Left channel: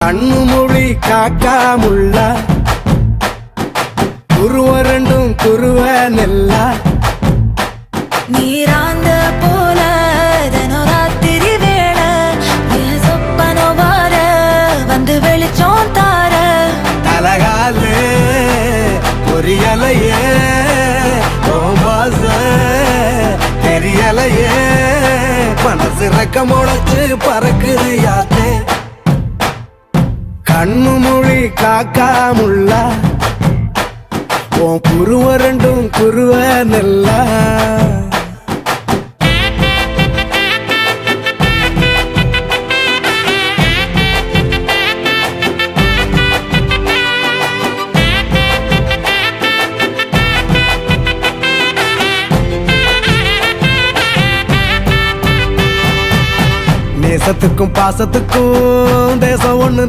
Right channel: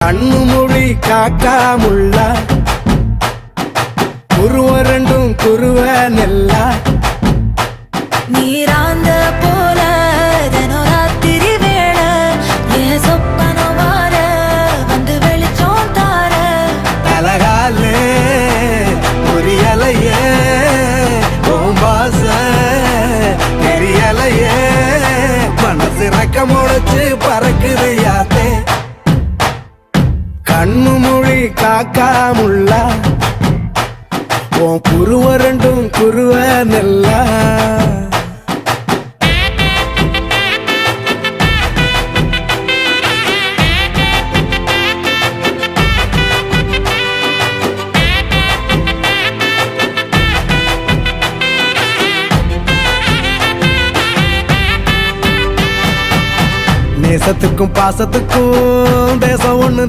கண்ணு மொழி காக்காமுள்ள குருவ ரெண்டும் குருவ நெல்லா நீராங்க போல ராத்திரி வேள என் சொப்பனம் மாற வந்து வெளிச்சம் தார தலகாலே பொரியலையே ஓம்பாச தெரியலையே மனசு ரக்க முளைச்சு பறக்குது யாத்தே கண்ணு மொழி காக்காமுள்ள உன் குருவ ரெண்டும் குருவ நெல்லா நேசத்துக்கும் பாசத்துக்கும் தேசம் ஒண்ணு